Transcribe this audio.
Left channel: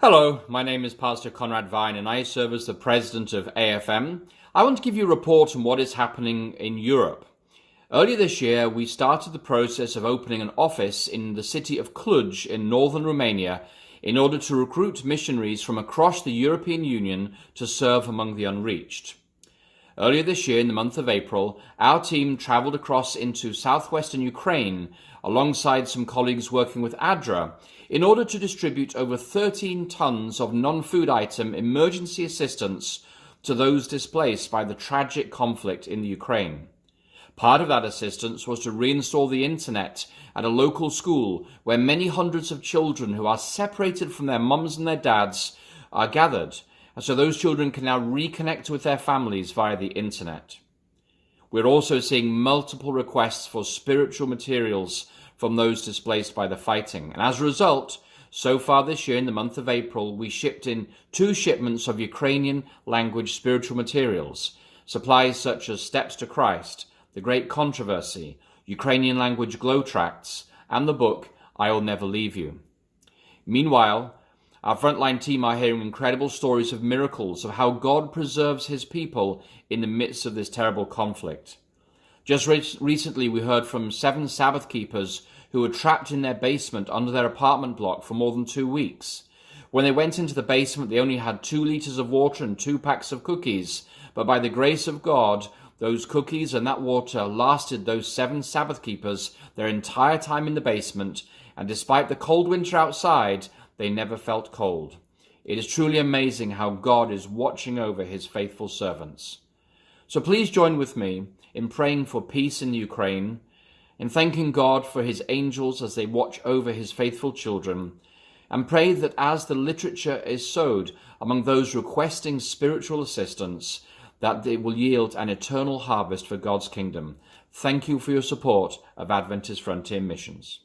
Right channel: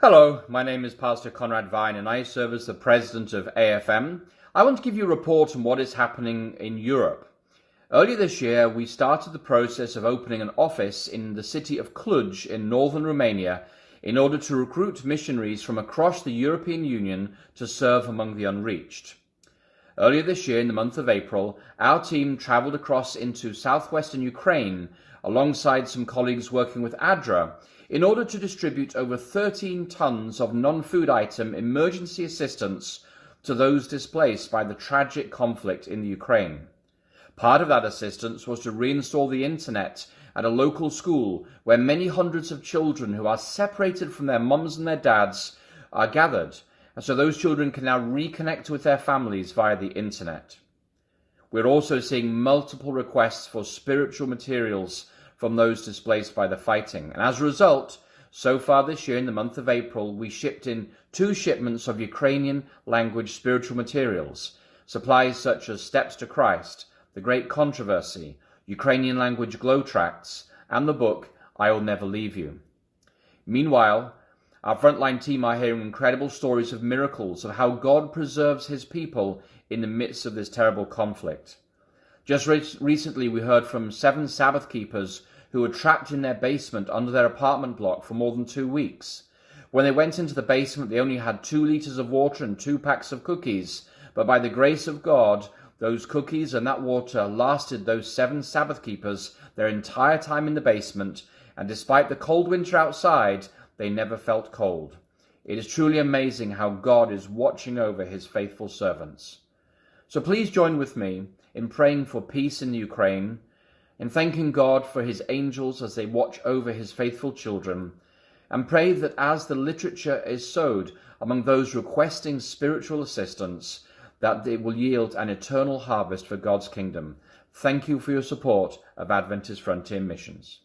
Hello, my name is Pastor Conrad Vine and I serve as the president of AFM. I want to give you a report on what is happening in Europe. Earlier this year, we started the process of opening an office in the city of Cluj in northern Romania in order to recruit missionaries from across the European Union to serve among the unreached. Earlier this year, in the month of April, our team traveled across into southwestern Ukraine alongside some colleagues working with ADRA in order to distribute over 13 tons of non-food item emergency assistance to those displaced by the tragic conflict in Ukraine. Part of that assistance was to reinstall the internet at a local school where many hundreds of children who are separated from their mums and their dads are gathered, and so those children can now reconnect with their families via the internet. We're also seeing multiple requests for spiritual materials from those displaced by the fighting. And as a result, so far this year in the month of April, we shipped in 2 shipments of Ukrainian language spiritual materials, supplies such as Steps to Christ, The Great Controversy, Ukrainian language glow tracts, and the book, I'll Never Leave You. Meanwhile, our frontline team are hearing incredible stories of miracles of how God preserves his people in the midst of this terrible conflict. Just recently, we heard from 7 Sabbath keepers who were trapped in their basement under their apartment block for more than 2 weeks. When they went into the basement, they only had 2 liters of water and 2 packs of cookies. But by the grace of God, those cookies and that water lasted those 7 Sabbath keepers their entire time in the basement. And despite the cold winter outside, they never felt cold. It is truly amazing how God is watching over his faithful servants. So please join with me in praying for peace in Ukraine, in thanking God for his angels as they watch over his faithful children, and pray that as the literature is sowed among those requesting spiritual assistance, that it will yield an eternal harvest for God's kingdom. Thank you for your support of Adventist Frontier Missions.